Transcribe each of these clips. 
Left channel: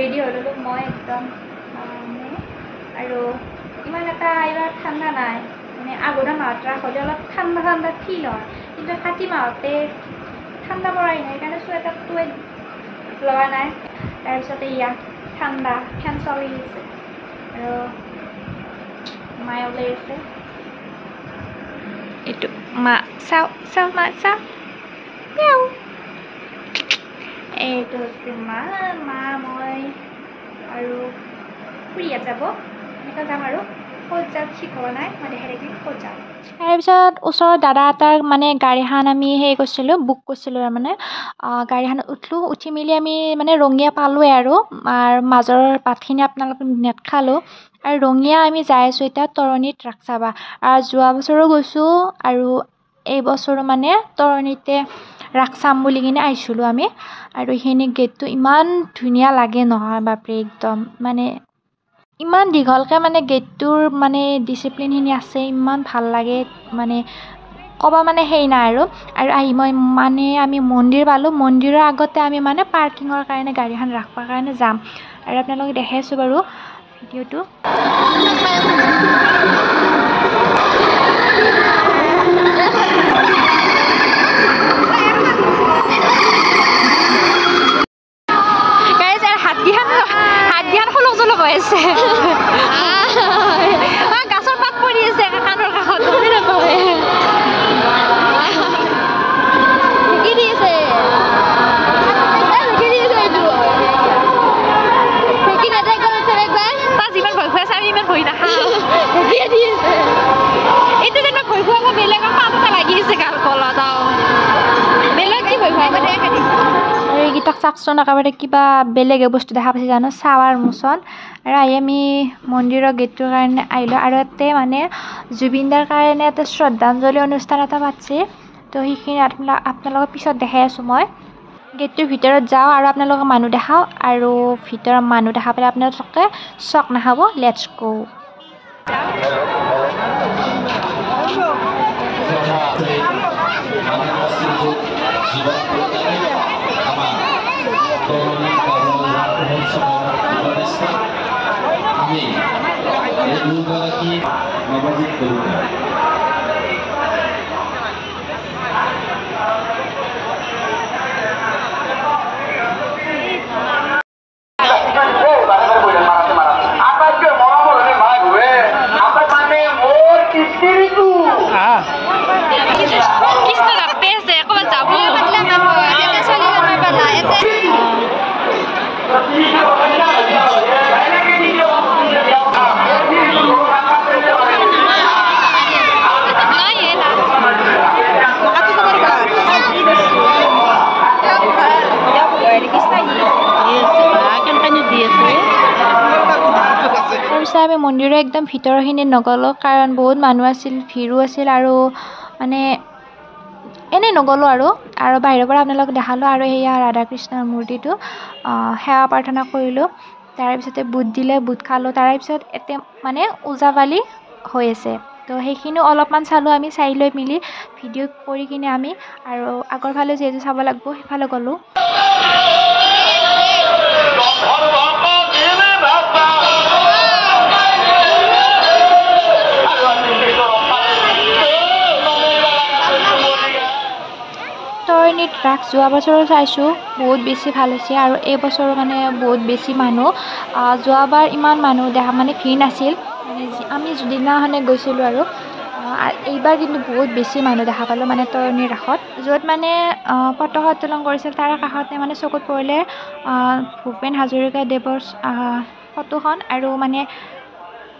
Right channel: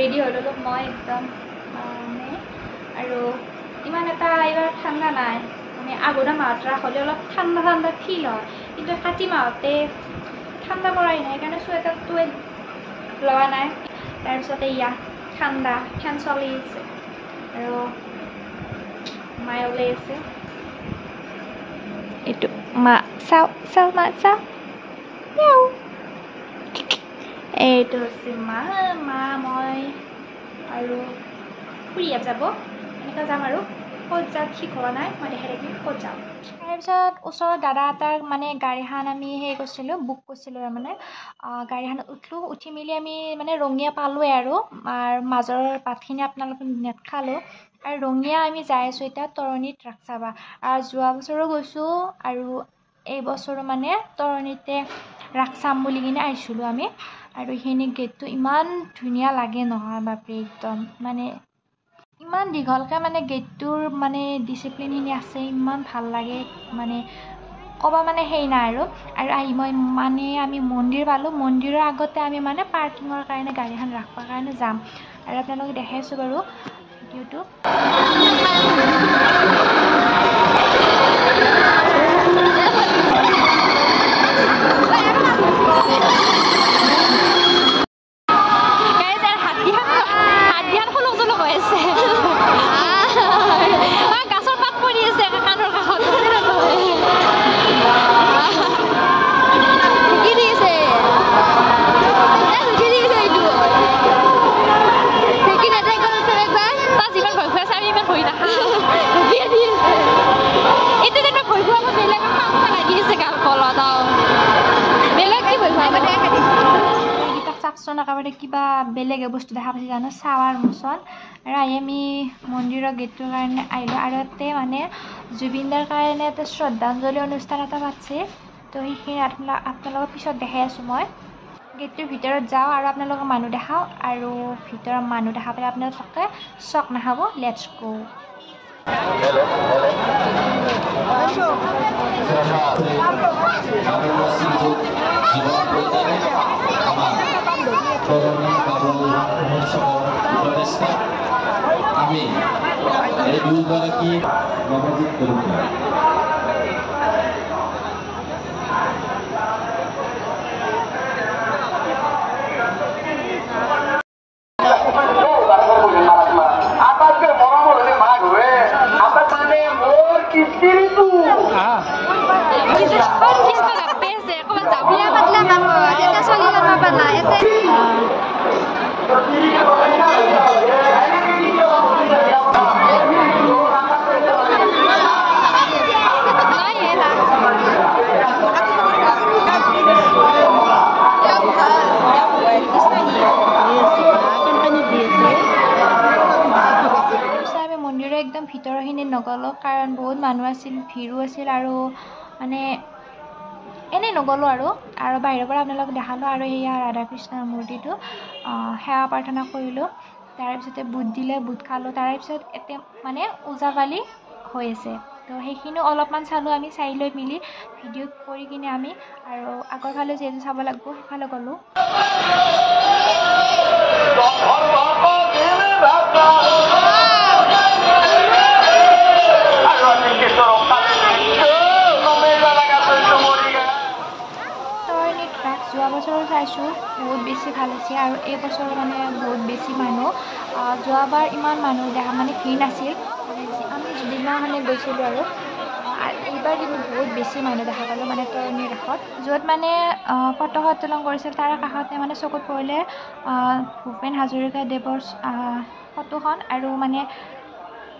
ready হৈ ল'লোঁ মই একদম মানে আৰু ইমান এটা এইবাৰ ঠাণ্ডা নাই মানে আঘোণা মাহত ৰাস হ'লে অলপ ঠাণ্ডা ঠাণ্ডা ফিল হয় কিন্তু কাতি মাহতে ঠাণ্ডা পৰাই নাই সেইকাৰণে চুৱেটাৰটোৱে লোৱা নাই তাৰপিছতে ইয়া ঠাণ্ডা ফেন চলি আছে আৰু মায়ে ওলাই আছে এইটো মা চাওঁ চাওঁ মা চাওঁ এইটো হৈছে মা মই আৰু খুৰীহঁত যাব এনেকৈ যাম আৰু ক'ত যাম ঠিক হোৱা নাই মই দেখাই থাকিম ক'ত যাম তাৰপিছত ওচৰৰ দাদা এটাৰ মানে গাড়ীখন আমি হেৰি কৰিছিলোঁ বুক কৰিছিলোঁ তাৰমানে গাড়ীখনত উঠলোঁ উঠি মেলি আমি মানে ৰঙিয়া পালোঁৱে আৰু মাজৰ বাটখিনি আপোনালোকে নেদেখালোঁ আৰু ৰঙিয়া আমি যাই আছোঁ এতিয়া তৰণীত ৰাস চাবা আৰু যোৱা বছৰো গৈছোঁ আৰু এই বছৰো মানে তৰণীতে ৰাস চাম বুলি কিনে আহিছিলোঁ আমি আৰু সেইখিনি গেটটো ইমান ধুনীয়া লাগে নহয় বাপৰে একদম মানে ইমান দীঘলকৈ মানে গেটটোৰ মানে ডিচিপ্লিনখিনি আছে ইমান ভাল লাগে মানে ক'ব মানে সেই নাই আৰু আহি মই মানে আমি মন্দিৰ পালোঁ মন্দিৰৰ আগতে আমি মানে পাৰ্কিঙৰ কাৰণে গাড়ীখন ৰাখিবৰ কাৰণে যাম আৰু আপোনালোকে দেখাই আছোঁ বাৰু ভিডিঅ'টো গাছৰ পাত পৰি আছে কাণৰ কাষত ঢুকি দিছে এইটো ঢুকি নাযায় তাত যিমান ভয় খুৱাইছে আমি ইমান ভয় নাখাওঁ ঢুকিয়ে দি আছে এইটো যেনিবা ভয় খুৱাব বেলেগৰ পাতটা লাগি আছে গাল কলত বেলেগ কি ভয় খুৱাই মানে এইকেইটাক চাওকচোন একেবাৰে কিবা বেলেগে বস্তু দেখা পাইছে জানো চাৱাৰ মোচন আৰু আহি আমি মন্দিৰৰ গেটটোৰ কাৰণে আহিলোঁ আৰু ইয়াতে মানে জুবিনদাৰ কাৰণে এটা শ্ৰদ্ধাঞ্জলি অনুষ্ঠান এটা পাতিছে তো সেইখিনি আপোনালোকৰ পিছত দেখাই আছোঁ মই গেটটোৰ ভিতৰত যাওঁ আৰু আপোনালোকক মানুহ দেখাওঁ আৰু ভিতৰত মানুহ দেখা পালে আপোনালোকে চক নাখাব লেটছ গো আমি এই দুগৰাকী নৱজিত বৰুৱা আমি মন্দিৰৰ একদম ভিতৰৰখিনি নগ'লোঁ কাৰণ বহুত মানুহ আছিল ভিৰো আছিল আৰু মানে এনেই নগ'লোঁ আৰু বাহিৰৰ পৰা আপোনালোকক দেখালোঁ আৰু সেয়া ৰাধা কৃষ্ণৰ মূৰ্তিটো সেৱা প্ৰাৰ্থনা কৰিলোঁ তাৰপিছতে বুট দিলে বুট খালোঁ তাৰেপিছত এতিয়া মানে ওজাপালি হৈ আছে তো সেইখিনিও অলপমান চালোঁ আমি চাই লৈ মিলি ভিডিঅ' কৰি কিনে আমি আৰু আগৰ ফালে যিহেতু চাব লাগিব সেইফালে গ'লোঁ তৰণীত ৰাস যোৱা বছৰো চাইছোঁ বহুত বেছি ভাল হৈছে আৰু এই বছৰো মানে বহুত বেছি মানুহ যোৱাবাৰ ইমান মানুহ দেখা মানে ভিৰ নাছিল মানে আমি যিদিনাখনে গৈছিলোঁ আৰু এইবাৰ কিন্তু বহুত বেছি মানুহ দেখা পালোঁ মানে তৰণীৰ ৰাসত য'ত মানে পতাকা উত্তোলন কৰিছিল তাৰ কাষতে মানে চকুত পৰিলে ভূপেন হাজৰিকাদেৱৰ ফটোখন আৰু মানে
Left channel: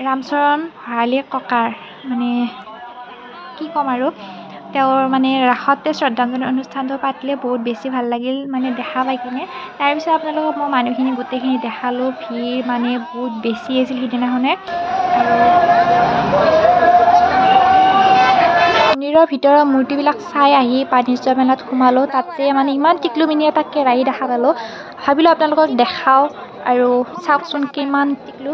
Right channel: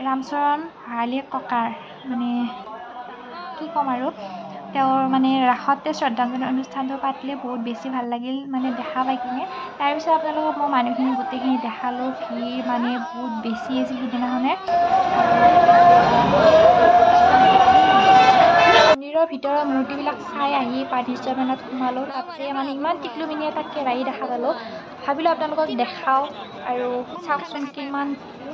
ৰামচৰণ ভৰালী ককাৰ মানে কি ক'ম আৰু তেওঁৰ মানে ৰাসতে শ্ৰদ্ধাঞ্জলি অনুষ্ঠানটো পাতিলে বহুত বেছি ভাল লাগিল মানে দেখা পাই কিনে তাৰপিছত আপোনালোকক মই মানুহখিনি গোটেইখিনি দেখালোঁ ভিৰ মানে বহুত বেছি আছিল সিদিনাখনে মন্দিৰৰ ভিতৰৰ মূৰ্তিবিলাক চাই আহি বাণিজ্য মেলাত সোমালোঁ তাতে মানে ইমান টিকলুমিনি এটা কেৰাহী দেখা পালোঁ ভাবিলোঁ আপোনালোকক দেখাওঁ আৰু চাওকচোন কিমান টিকলু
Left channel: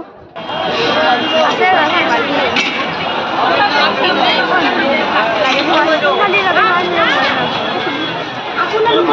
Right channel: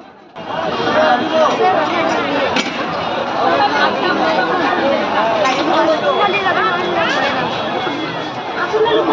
আপোনালোকৰ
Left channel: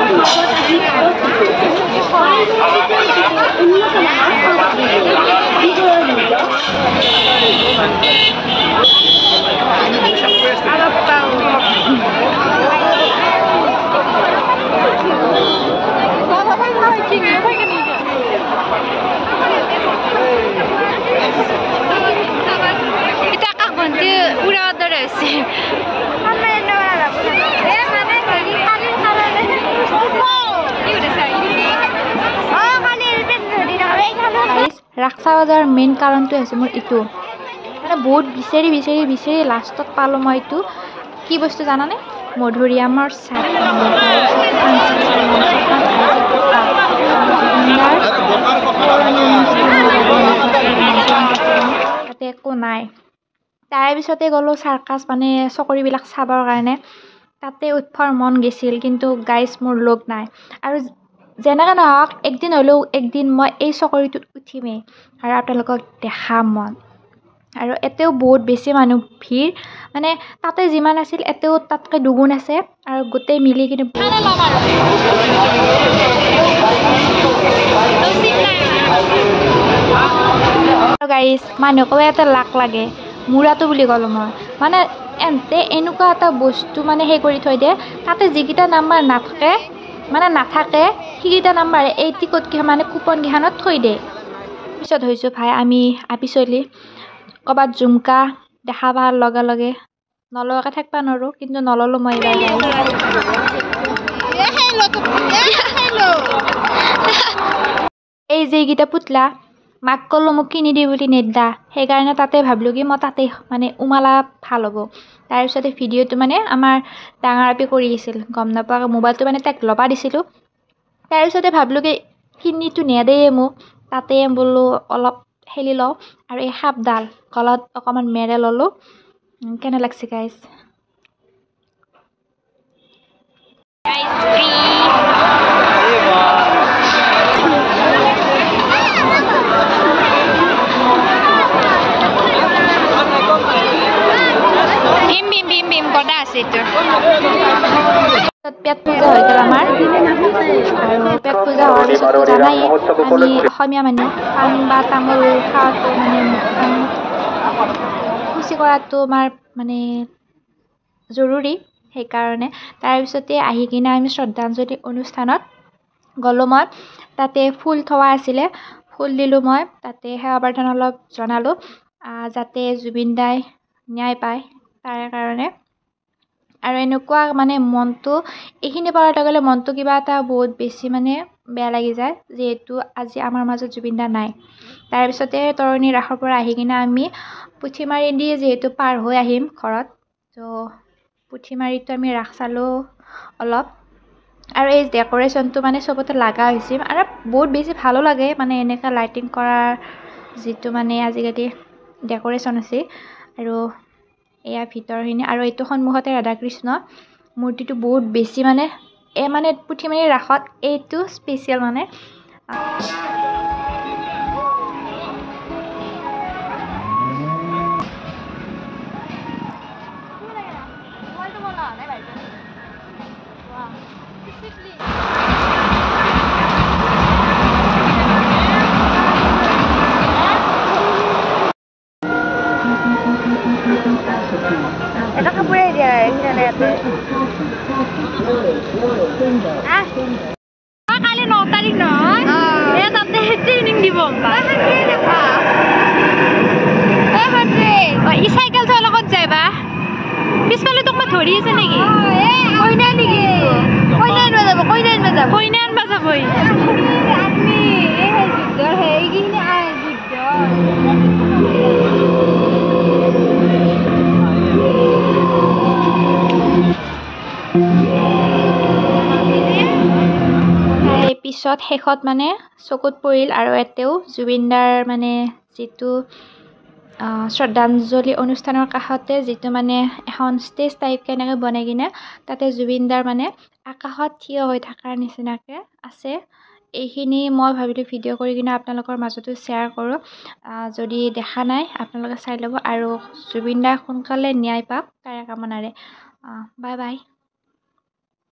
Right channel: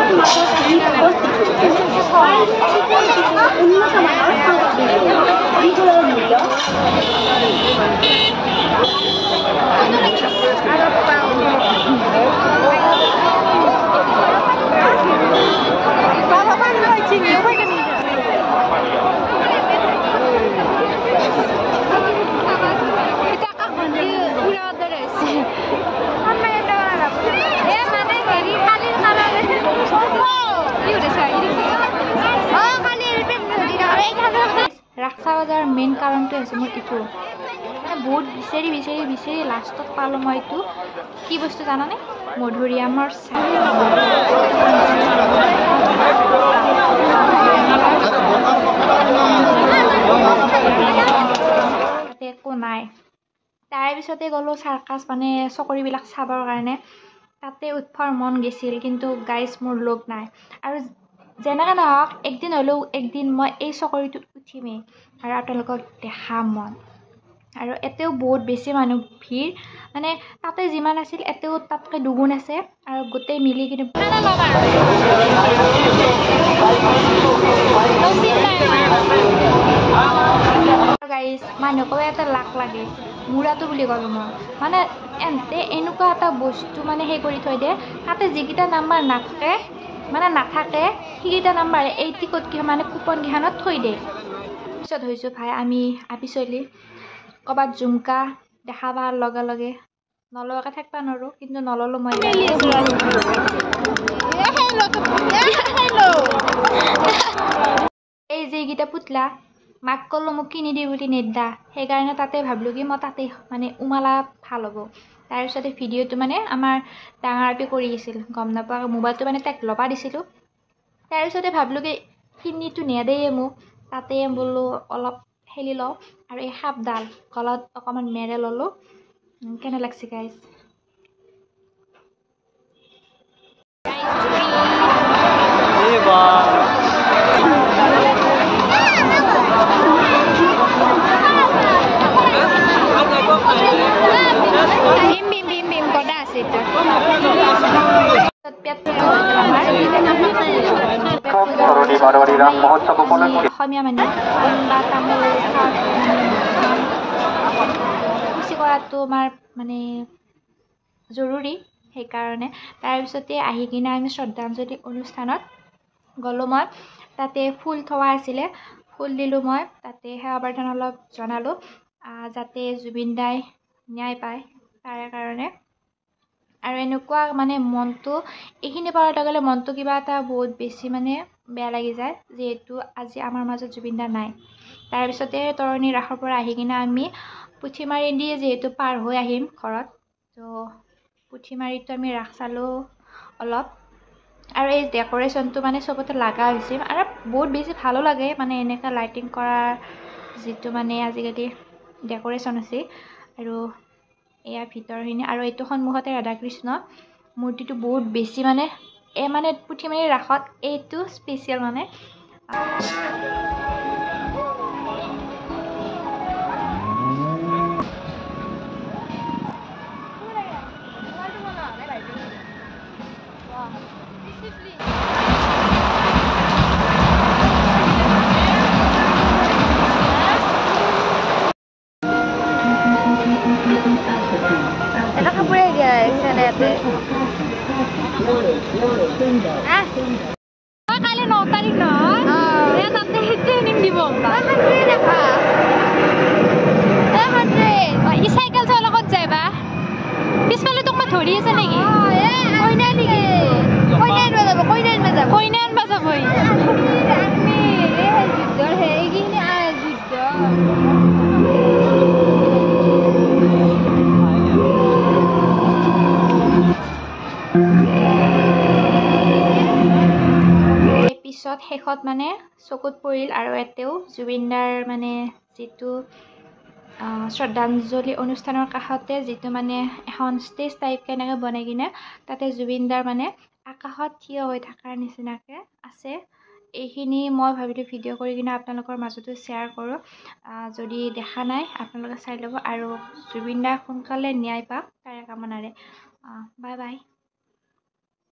ৰাক্সা বজাৰ মেইন কাৰণটো হৈছে মোৰ এইটো মানে বহুত বিচাৰি লাষ্টত পালোঁ মই এইটো কি বস্তু জানানে মধুৰিআমৰ চাহ তাতে একো নাই তাৰে পিছতে গ'লোঁ চাৰ্কাছ মানে চকৰিবিলাক চাবৰ কাৰণে তাতে উঠবৰ মন গৈছিল কিন্তু গাইজ মোৰ লগ নাই আৰু যেনেকৈ নহওক একদিন হ'লেও একদিন মই এই চকৰিটোত উঠিমেই আৰু আপোনালোকক দেখাম মন আৰু এতেও বহুত বেছি মানুহ ভিৰ মানে তাতে যিমান আছিল এতেও তাতকৈ দুগুণ আছে আৰু গোটেই মিলি কিন্তু গাইজ মানুহকো এটা লাক লাগে মূৰাটো বুলি ক'লোঁ মই মানে এন্তে এনেকুৱা এটা বস্তু মানে সেই কৰি থৈ দিয়ে তাতে যিকেইটা নাম্বাৰ নাথাকে সেইকেইটা নাম্বাৰ এই টিকটকেইখন মানে কুপনকেইখনত থৈ দিয়ে পিছত হৈছোঁ ভাই আমি পিছলি ক'ৰবাত জুমকা দেখা পোৱাৰ লগে লগে নলোৱাকৈ থাকিব নোৱাৰোঁ কিন্তু নল'লোঁ মই এই যিকেইটা পুতলা মাক ক'লোঁ মোক কিনি দি বুলি নেদা সেইকাৰণে তাতে ভাবিলোঁ কি মই তাতে মানে উমালা ভাল হ'ব তাৰপিছতে ভিডিঅ'টো মানে আমাৰ ডাঙৰ আপি কৰি আছিল গম নাপাওঁ মোবাইলটো মানে তাইক ল'বা দিছিলোঁ তাৰপিছতে ভাবিলোঁ কি কিনিটো নেদেই মোক তাতে বোলো অলপ হেলি লওঁ আৰু এই সাপডাল গলত অকণমান মেৰে ল'লোঁ কেনে লাগছে গাইজ গদা আছে এইটো পেট পূজা হৈ গ'ল আমাৰ পেট পূজা হোৱাৰ পিছত জানাই আমি অসমীয়া মানুহ পাণ বা তামোল খোৱাটো মানে শুচি কৰাটো আমাৰ মানে জৰুৰী সেইকাৰণে তাৰপিছতে আহি কিনে আমি শ্ৰদ্ধাঞ্জলি অনুষ্ঠানত গ'লোঁ মই তাতে ফুল থোৱা আছিলে ফুল দিলোঁ মই তাতে সেৱা প্ৰাৰ্থনা অলপ জনালোঁ যাতে জুবিন দাই ন্যায় পায় তাৰে কাৰণে আৰু এনেকুৱা মানে মনটো এইখিনি পাৱাৰ লগে লগে মনটো কিবা এটা বহুত বেছি মানে বেয়া লাগি যায় যিহেতু আজি আমাৰ মাজত জুবিন দা নাই তাৰপিছতে তৰণী ৰাসৰ পৰা আহি কিনে আমি পুঠিমাৰি দি যিহেতু পাৰ হৈ আহিম ঘৰত তো পুঠিমাৰিতো আমি ৰাস চালোঁ অলপ আৰু এই ডেক'ৰেশ্যনটো মানে চবতে লগা হৈছিল আৰু বহুত বেছি ভালো লাগে মানে এনেকুৱা লাইটিং কৰাৰ যিটো মানে আজিকালি ডেক'ৰেশ্যন আছে আৰু এয়া ভিতৰখিনি আৰু এইটো সন্মুখতে ৰাধাকৃষ্ণ মূৰ্তিটো বহুত বেছি মানে পুঠিমাৰি ৰাসত এইটো স্পেচিয়েল মানে এটা কাপোৰে দিয়া কালি 9 তাৰিখ নহয় তাতে ট্ৰেইনিং দিব ই চাইকেল চোৱাৰ লগত যাইবা পিছফালে তোক মই ধৰি আছে নেকি কইনা আনবা যাবই পিছত শেষত মানে চকুত পৰিল আৰু এতেও জুবিনদাৰ মানে যিটো শ্ৰদ্ধাঞ্জলি অনুষ্ঠানৰ কাষতে যিটো মানে এখন ষ্টেজ টাইপ কেনেকৈ বনাই কিনে তাতে জুবিনদাৰ মানে আকাশত থিয় হৈ থকাৰ নিচিনাকৈ আছে এইখিনি মই ভাবিলোঁ ভিডিঅ' কৰি কিনে আপোনালোকৰ মাজতো শ্বেয়াৰ কৰোঁ যদি দেখা নাই আপোনালোকে চাই ল'ব আৰু জুবিনদাৰ সোনকালে ন্যায় পাওক তাৰে কামনাৰে বাই বাই